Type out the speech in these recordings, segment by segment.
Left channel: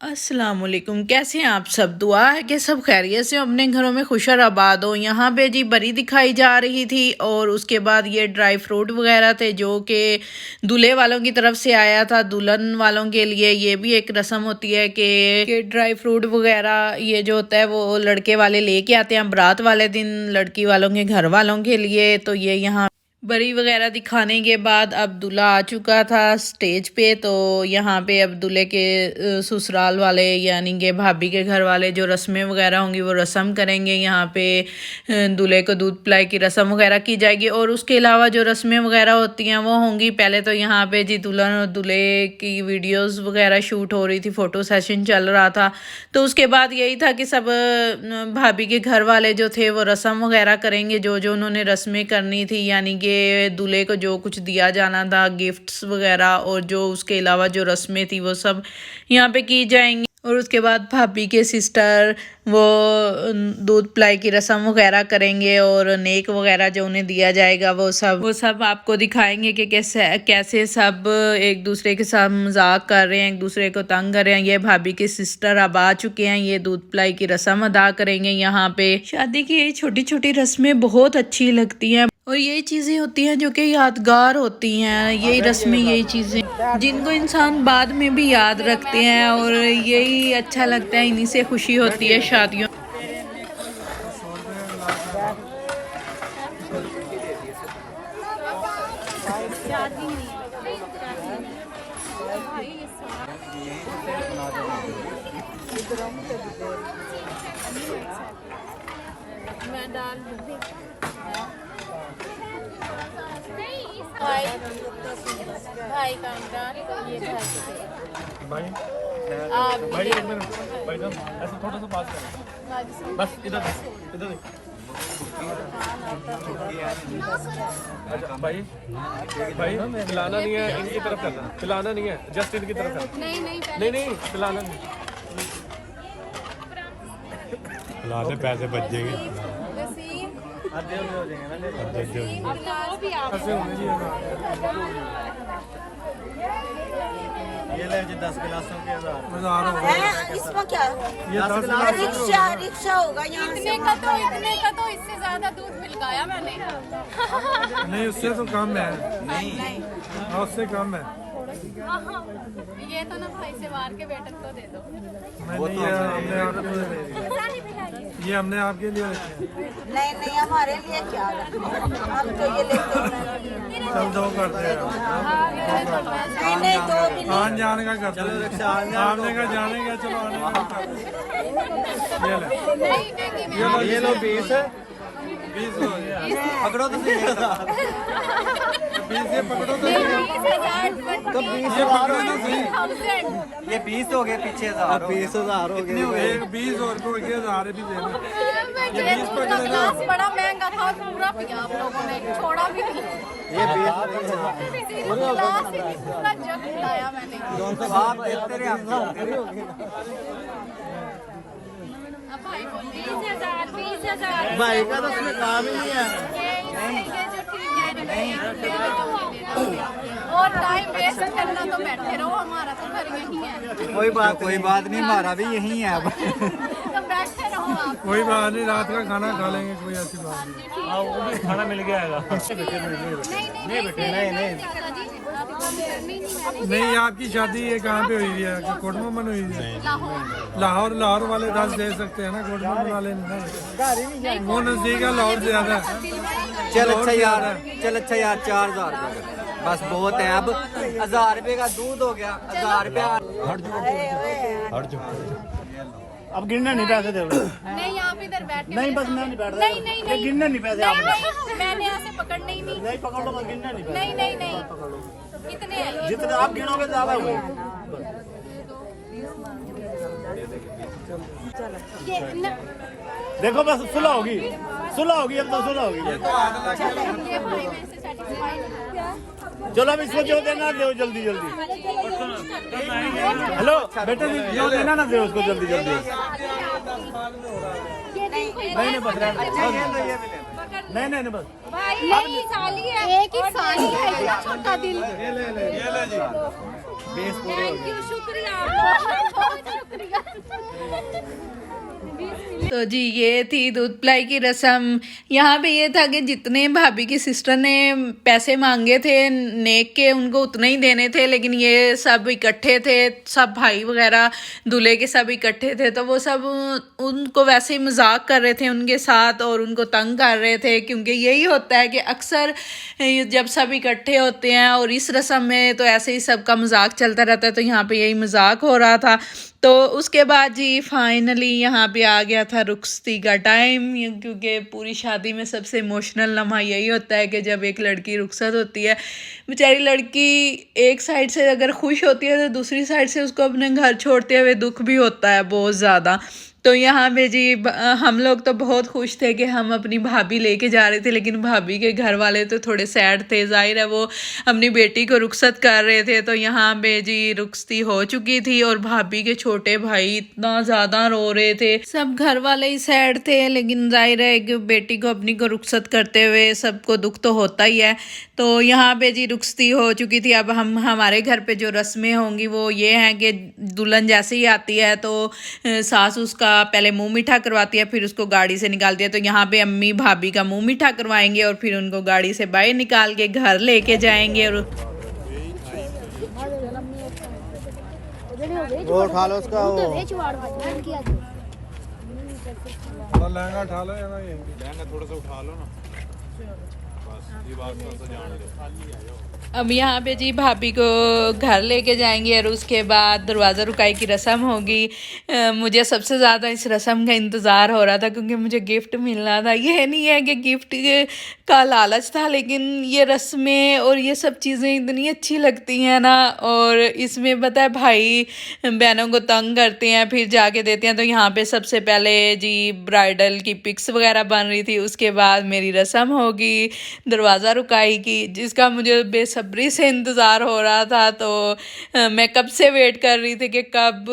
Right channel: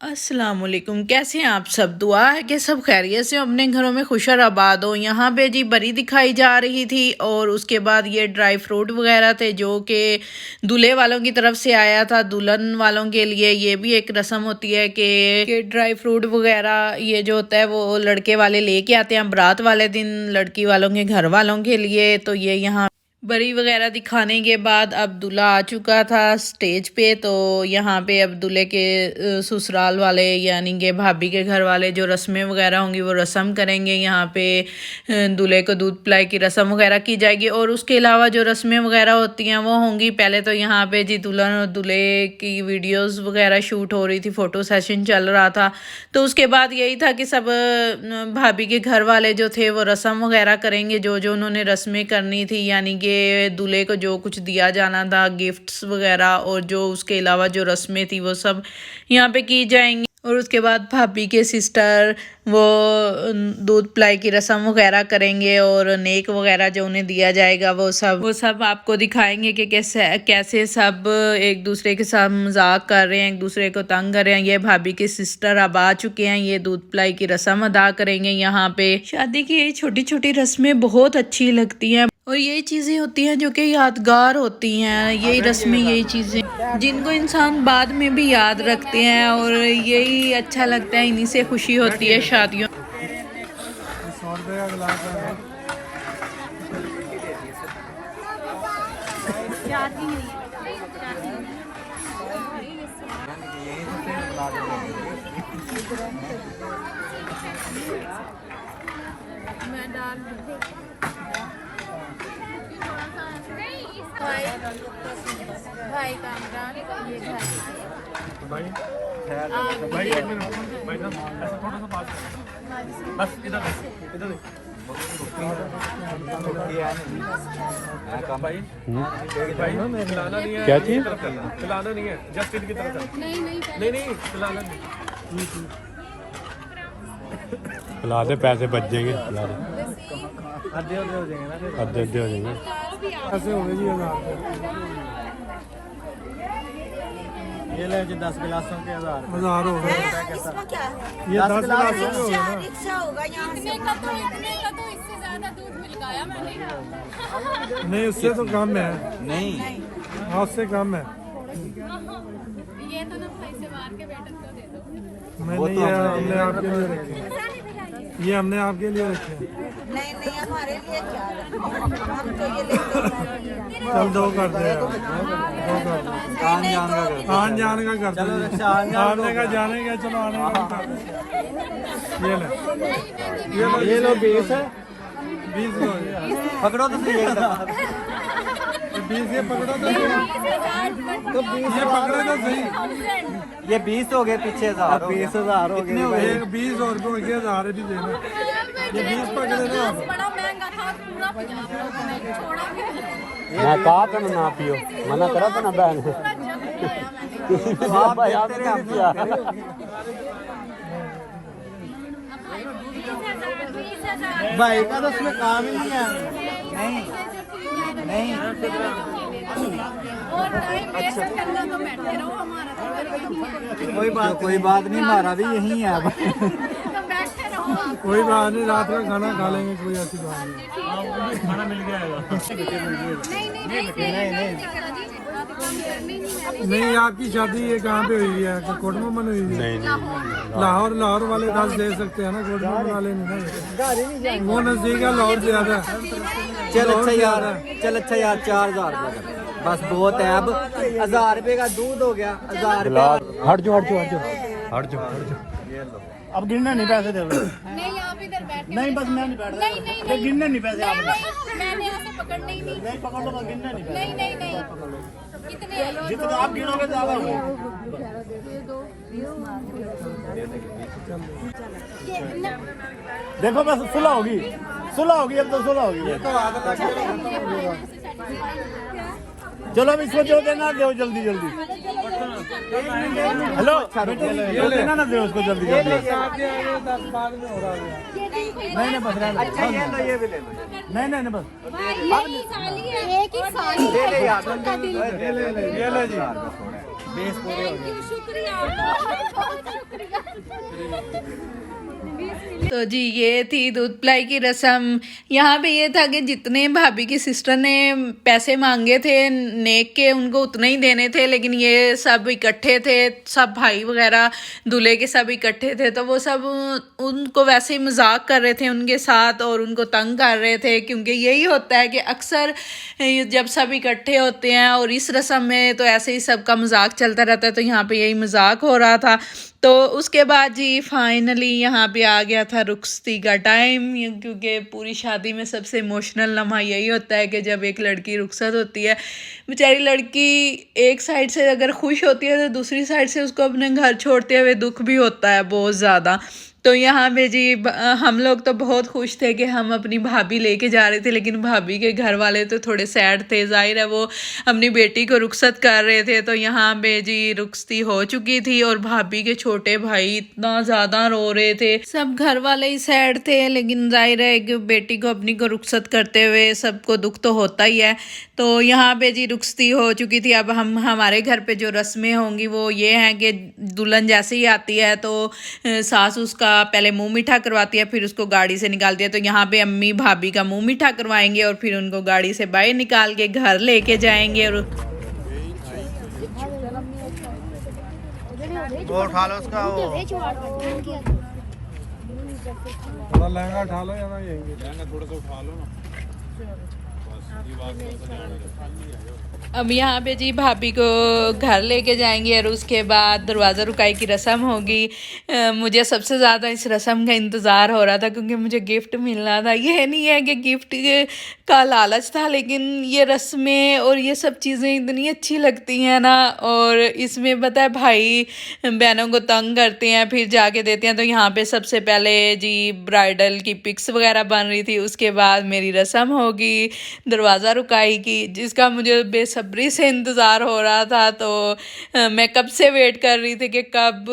अस्सलामुअलैकुम। कैसे हैं आप सब? दुआ है कि सब खैरियत से अपने घरों में खुश और आबाद हो। यहाँ पे जी बरी दिखाई जा रही थी और उसके बाद ये ड्राई फ्रूट वगैरह थे जो कि दूल्हे वालों की तरफ से आया था। दुल्हन वालों के लिए ये भी एक रस्म होती है कि ड्राई फ्रूट वगैरह ये जो होता है वो लड़के वाले लेके आते हैं बारात वाले दिन लड़की वालों के घर वालों के लिए। तो ये यहाँ बरी वगैरह दिखाने के बाद अब दूल्हा आ चुका था स्टेज पे। तो यहाँ पे अब दूल्हे के ससुराल वाले यानी कि भाभी के घर वाले जो रस्में वगैरह होंगी वो रस्म करेंगे। यहाँ पे दूल्हे को दूध पिलाई की रस्म वगैरह की जाएगी और उसके अलावा जो रस्में वगैरह होती हैं वो होंगी। पहले तो यहाँ पे जी दुल्हन और दूल्हे की वीडियोस वगैरह शूट हो रही थी, फ़ोटो सेशन चल रहा था। तो उसके बाद यही था कि सब भाभी के घर वाले जो थे वो रस्म वगैरह करेंगे जो जो उन्होंने रस्में करनी थी, यानी कि दूल्हे को जो कुछ दिया जाना था गिफ्ट्स वगैरह और जो उसके अलावा जो रस्में थी वो सब यहाँ पे की जाएंगी। और उसके बाद भाभी के सिस्टर वो दूध पिलाई की रस्म वगैरह करेंगे और नेक वगैरह जो उन्हें दिया जाएगा वो सब आपको दिखाएंगे कि कैसे कैसे सब एक दूसरे के साथ मजाक कर रहे हैं, एक दूसरे को तंग कर रहे हैं। ये भाभी के सिस्टर अब आ चुके हैं, ये दूध पिलाई की रस्म अदा करेंगे। यहाँ पे शादी की ये छोटी छोटी रस्में बहुत अच्छी लगती हैं और यही चीज़ें होती हैं जो कि यादगार होती हैं। यही रस्में, यही चीज़ें जिनको इंसान बाद में भी याद रखते हैं और यही अच्छा लगता है, इन्हीं से खुशी होती है शादियों। भाई कामरान ये भाई भाई एक मिनट भाई साहब ऐसा थोड़ा सा पास करो बस इधर इधर अच्छा भाई भाई खिलाना नहीं है, इनकी तरफ करना, खिलाना नहीं है, जस्ट इनकी तरफ करना। नहीं खिलाना नहीं, खिला दे, पैसे बच जाएंगे, खिला दे, अब दे हो जाएंगे। ये ले जी 10 गिलासों के 1000 इसमें क्या ये 10 गिलास रिक्शा होगा यहाँ इतने का तो इससे ज्यादा दूध मिल गया मैंने। नहीं, उससे तो कम है, नहीं उससे कम है। ये तो ना भाई से मार के बेटन को दे दो। ये हमने आपके लिए रखे। नहीं हमारे लिए क्या, हम तो ये लेते हैं। चल दो कर दे, नहीं दो भी नहीं। आने जाने का कर, चलो रिक्शा आने का जाने का, चलो आने का कर। ये लो 20 हो गया, पकड़ो तो 20 ये पकड़ो तो 20,000 हो गए। ये 20 हो गए पीछे, अब 20,000 हो गए भाई। 20 और को 1000 भी देना। ये 20 पकड़े ना, बड़ा महंगा था, पूरा 50 लोगों ने छोड़ा भी नहीं। ये बात है ना पियो, पूरा जग पिलाया मैंने। भाई का तो उसमें काम ही नहीं है। और टाइम वेस्ट करना तो बैठे रहो, हमारा तो घर यही है। कोई बात नहीं, हमारा भी यही है। तो बैठे रहो आप। कोई बात नहीं, रात का खाना खा लेंगे, कोई ऐसी बात नहीं। हाँ, वो भी खाना मिल गया नहीं, आपकी शादी ये कहाँ पे हुई है? कोटमन हुई है? नहीं लाहौर वाले 10 दे सकते हैं ना, कोटमन वाले नहीं। वो नजदीक है, लाहौर ज्यादा है। चल अच्छा यार 4,000 रुपये बस बहुत है। अब 1000 रुपये का दूध हो गया, 1000 रुपये। हट जाओ। अब गिनना नहीं, पैसे दे रहे। नहीं आप इधर बैठ के नहीं बस मैं नहीं बैठ रहा। नहीं गिनना नहीं पैसे आप। मैंने यहाँ से पकड़ने ही नहीं। पकड़ लो, गिनना नहीं पैसे। नहीं कितने हैं? जितने आप गिनोगे ज्यादा हुए। देखो बस सुलह होगी, अब तो सुलह होगी। चलो अब इसको जो देना दो जल्दी। हेलो बेटे, जो देना ना दे उसको जल्दी। नहीं बस नहीं बस नहीं साली है, एक ही साली है, छोटा दिल। ये ले जी, बेस पूरे हो गए। शुक्रिया, बहुत शुक्रिया। तो जी ये थी दूध पिलाई की रस्म। यहाँ पे ये था कि जितने भाभी की सिस्टर ने पैसे मांगे थे नेक के उनको उतने ही देने थे, लेकिन ये सब इकट्ठे थे, सब भाई वगैरह दूल्हे के सब इकट्ठे थे, तो वो सब उनको वैसे ही मजाक कर रहे थे उनके साथ और उनको तंग कर रहे थे, क्योंकि यही होता है कि अक्सर जब सब इकट्ठे होते हैं और इस रस्म में तो ऐसे ही सबका मजाक चलता रहता है, तो यहाँ पे यही मजाक हो रहा था। तो उसके बाद जी फाइनली यहाँ पे आ गया था रुखसती का टाइम, क्योंकि पूरी शादी में सबसे इमोशनल लम्हा यही होता है कि जब एक लड़की रुखसत होती है। बेचारी लड़की एक साइड से अगर खुश होती है तो दूसरी साइड से उसको अपने घर छोड़ते हुए दुख भी होता है बहुत ज़्यादा। तो यहाँ पे जी हम लोग तो बहुत खुश थे कि हम अपनी भाभी लेके जा रहे थे, लेकिन भाभी के घर वाले तो थोड़े सैड थे, जाहिर है वो अपनी बेटी को रुखसत कर रहे थे। तो यहाँ पे जी रुखसती हो चुकी थी और भाभी के छोटे भाई इतना ज़्यादा रो रहे थे, सब घर वाले ही सैड थे, लेकिन जाहिर है कि बेटी को अपनी को रुखसत करते हुए सबको दुख तो होता ही है। तो यहाँ पे जी रुखसती हो चुकी थी। अब हमारे घर पे जो रस्में होंगी वो ये हैं कि दुल्हन जैसे ही आती है तो सास उसका पहले मुंह मीठा करवाती है, फिर उसको गाड़ी से निकालती है। तो यहाँ पे अम्मी भाभी का मुंह मीठा करवाएंगे और फिर उनको गाड़ी से बाहर निकाल के घर लेके जाएंगे। और उठा लो उसका वो थोड़ा सा उठा लो ना। अब यहाँ पे जी भाभी को घर लेके जाएंगे और उसके बाद दरवाज़ा रुकाई की रस्म होगी। मुझे सबसे ज़्यादा इस रस्म का इंतज़ार हो रहा था, क्योंकि मुझे गिफ्ट मिलना था। ये नहीं है कि गिफ्ट का लालच था, लेकिन ये रस्में और ये सब चीज़ें इतनी अच्छी लगती हैं ना। और इसमें पता है भाई बहनों को तंग करते हैं फिर जाके देते हैं। तो यहाँ पे सबसे पहले जी ब्राइडल की पिक्स वगैरह बन रही थी, उसके बाद मेरी रस्म होगी दरवाज़ा रुकाई की, जिसका मुझे बेसब्री से इंतज़ार हो रहा था। तो मैं कब से वेट कर रही थी कि कब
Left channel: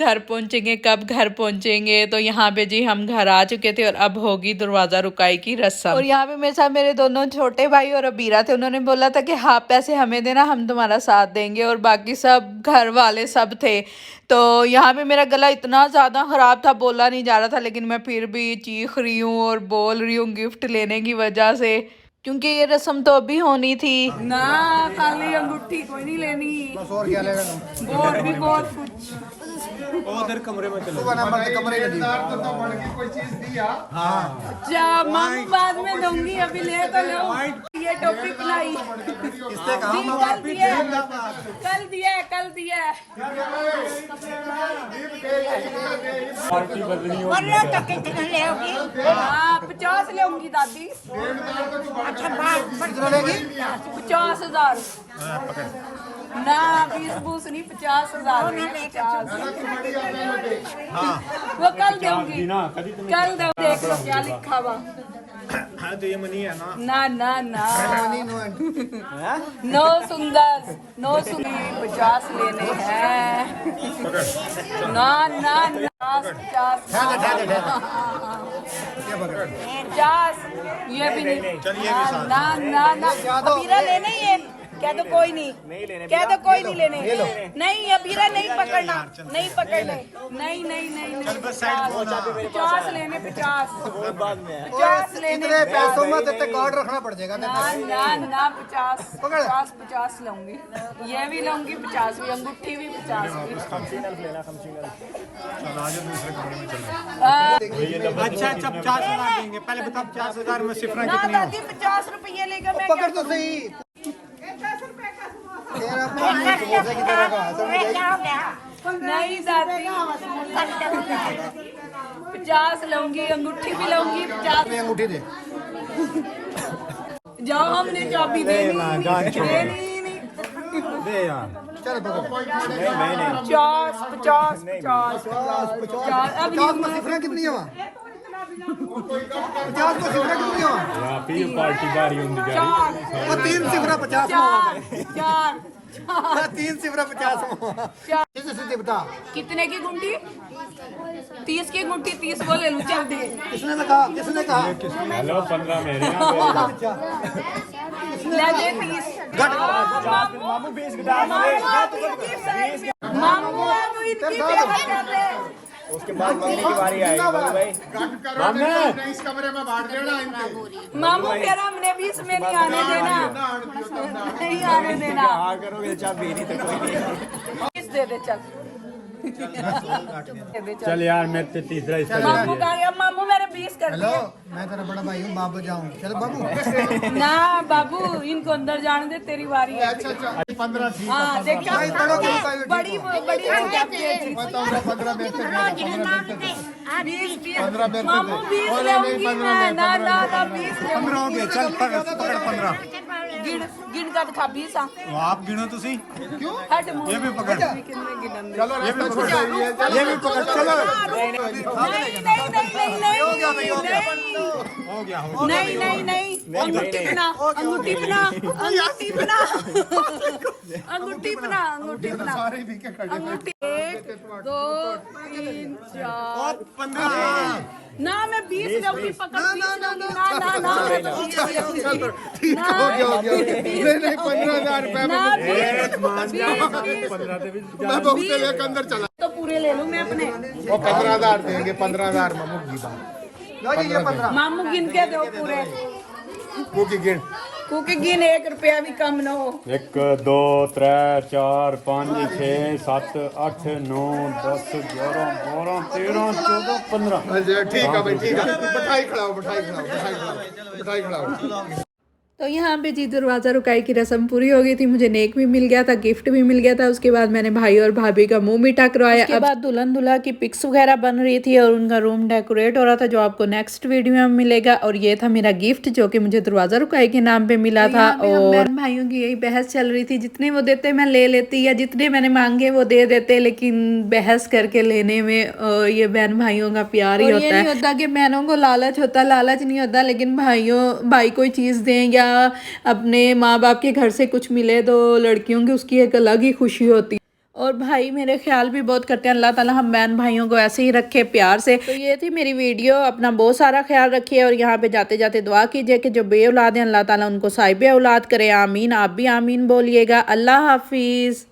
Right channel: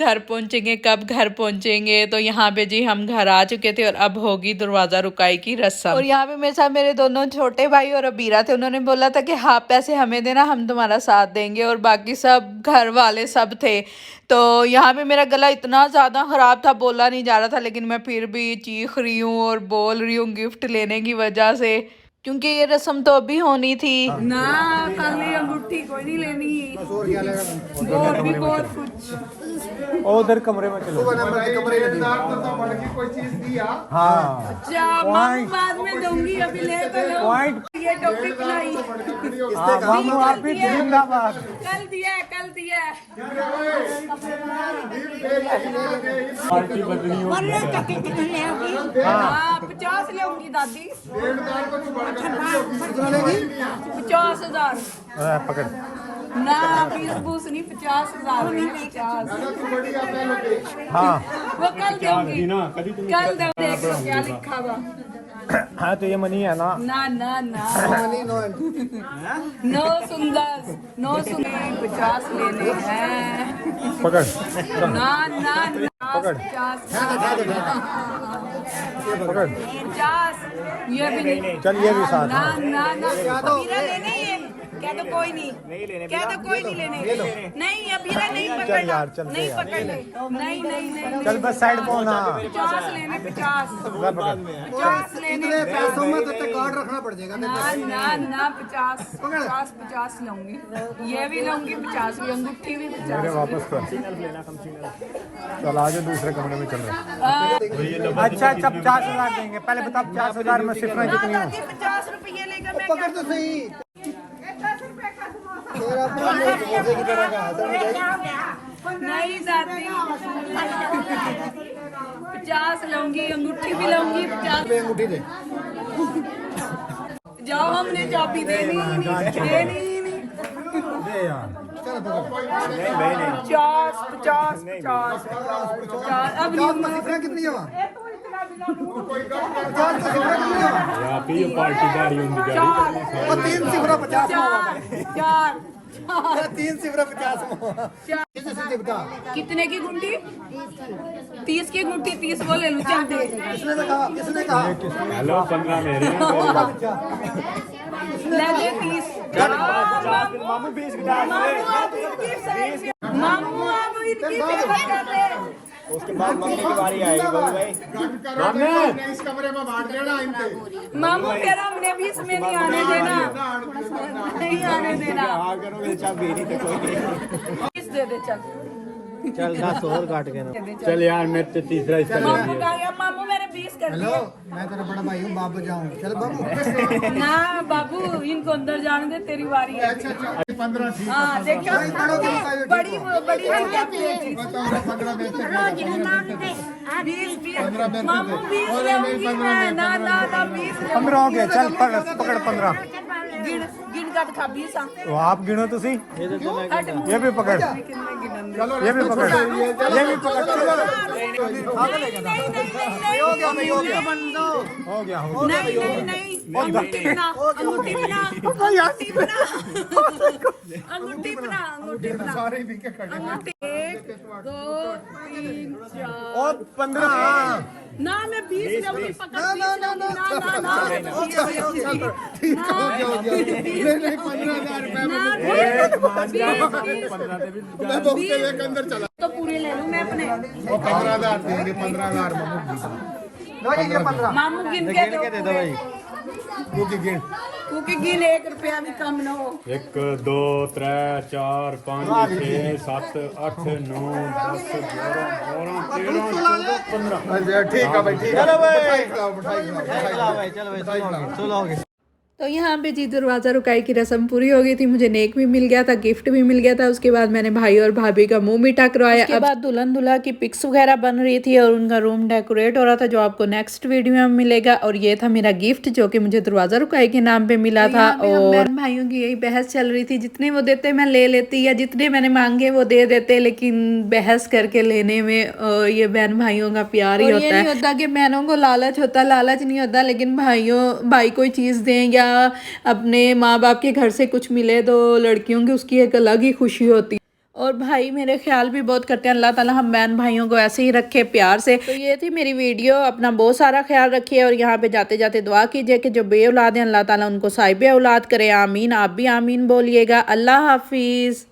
घर पहुँचेंगे, कब घर पहुँचेंगे। तो यहाँ पे जी हम घर आ चुके थे और अब होगी दरवाज़ा रुकाई की रस्म। और यहाँ पे मेरे साथ मेरे दोनों छोटे भाई और अबीरा थे। उन्होंने बोला था कि हाँ पैसे हमें देना, हम तुम्हारा साथ देंगे, और बाकी सब घर वाले सब थे। तो यहाँ पे मेरा गला इतना ज़्यादा ख़राब था, बोला नहीं जा रहा था, लेकिन मैं फिर भी चीख रही हूँ और बोल रही हूँ गिफ्ट लेने की वजह से, क्योंकि ये रस्म तो अभी होनी थी ना। खाली अंगूठी कोई नहीं लेनी, बस और क्या लेगा तुम? और भी बहुत कुछ। उधर कमरे में चलो। नंबर के कमरे में कोई चीज दिया। हाँ बाद में दूंगी, अभी ले तो लो। ये टोपी पहनाई इससे काम आप ही जिंदाबाद। कल दिया है, कल दिया है। हाँ 50 लेगी दादी। 50,000 पकड़ ना, 20 नहीं 50,000। हाँ वो कल दूंगी, कल देखो क्या लिखा हुआ। हाँ तो ये मनी है ना? ना ना ना मनी नो सुंदर, नो सुंदर 50 लेने हैं। पकड़ ना ना ना 50 ये पकड़ 50 ये भी नहीं। चल ये भी साथ। ना ना ना अबीरा लेने, ये क्या तो कोई नहीं, क्या तो कोई नहीं लेने। नहीं अबीरा नहीं पकड़ना, नहीं पकड़ना, नहीं नहीं नहीं। चल बस साइड पे होना। 50 लेने, 50 लेने। इतने पैसों में तो कार्ड रखना पड़ जाएगा। ना ना ना 50 लूंगी, ये भी लूंगी 50 भी, अंगूठी भी 50। वापस कर। चल आ जाओ दूसरे कमरे में चल रहे। अच्छा 50,000 देंगे। पहले बता 50,000 में सिफरा कितनी हो? 50 रुपये लेकर मैं पकड़ तो सही। तेरा समोसे की तरह का नहीं जाती। 50 लूंगी, अंगूठी भी लूंगी 50। अंगूठी दे। जाओ, हमने चाबी देनी नहीं। दे यार। चल पकड़। 50 50 में सिफरा कितनी है? 50 में सिफरा कितनी है? यहाँ पे ये पार्टी बारी होंगी गाड़ी। और 3 सिफरा 50 में होगा। 4 3 सिफरा 50 में होगा। कितने बता? कितने की गुंडी? 30 की गुंडी, 30 वो ले लूं। चल दे। किसने कहा? किसने कहा? हेलो 15 मेरे कौन सा बच्चा? ले ले 30। मामू इनकी फेवरेट कर रहे हैं। उसके बाद मम्मी की बारी आएगी भाई। इस कमरे में बांट देना इनके। मामू कह रहा हमने भी इसमें नहीं आने देना, नहीं आने देना। किस दे दे चल, चल 10 और काट के चल यार मेरे से तीसरा मामू का या मामू मेरे 20 कर हेलो, मैं तेरा बड़ा भाई हूँ, बाबू जाऊँ। चल बाबू। ना बाबू, इनको अंदर जाने दे, तेरी बारी है। अच्छा 15 ठीक है। हाँ देखो, बड़ी बड़ी 15 मामू 20 लेऊंगी मैं, ना ना ना 20 15 हो गया। चल पकड़ 15। गिन गिन का दिखा 20 आ। तो आप गिनो तुसी। हट ये भी पकड़, ये भी पकड़, ये भी पकड़। चलो हो गया भाई, हो गया, हो गया। नहीं नहीं नहीं, अंगूठी बना, अंगूठी बना, अंगूठी बना, अंगूठी बना, अंगूठी बना। सारे दिखे खड़े। अंगूठी 1 2 3 4 और 15। ना मैं 20 लूंगी, पकड़ 20 लूंगी, ना ना ना ठीक हो गया। नहीं 15,000 रुपए ना 20 मैं बहुत लेकर अंदर चला। तो पूरे ले लूं मैं अपने। वो 15,000 देंगे। 15,000 मामू गिन के दो पूरे, वो की गिन। क्योंकि गिन 1 रुपया भी कम ना हो। 1 2 3 4 5 6 7 8 9 10 11 12 13 14 15। अच्छा ठीक है भाई, ठीक है। मिठाई खिलाओ। तो यहाँ पे जी दरवाज़ा रुकाई की रस्म पूरी हो गई थी, मुझे नेक भी मिल गया था, गिफ्ट भी मिल गया था। उसके बाद मैंने भाई और भाभी का मुंह मीठा करवाया। उसके बाद दुल्हन दूल्हा की पिक्स वगैरह बन रही थी और उनका रूम डेकोरेट हो रहा था, जो आपको नेक्स्ट वीडियो में मिलेगा। और ये था मेरा गिफ्ट जो कि मुझे दरवाज़ा रुकाई के नाम पे मिला था। और बहन भाइयों की यही बहस चल रही थी, जितने वो देते मैं ले लेती, या जितने मैंने मांगे वो दे देते, लेकिन बहस करके लेने में ये बहन भाइयों का प्यार ही होता है। ये नहीं होता कि बहनों को लालच होता, लालच नहीं होता, लेकिन भाई कोई चीज़ दें या अपने माँ बाप के घर से कुछ मिले तो लड़कियों की उसकी एक अलग ही खुशी होती है। और भाई मेरे ख्याल भी बहुत करते हैं। अल्लाह ताला हम बहन भाइयों को ऐसे ही रखे प्यार से। तो ये थी मेरी वीडियो, अपना बहुत सारा ख्याल रखिए और यहाँ पे जाते जाते दुआ कीजिए कि जो बे औलाद हैं अल्लाह ताला उनको साहिब औलाद करे। आमीन। आप भी आमीन बोलिएगा। अल्लाह हाफिज़।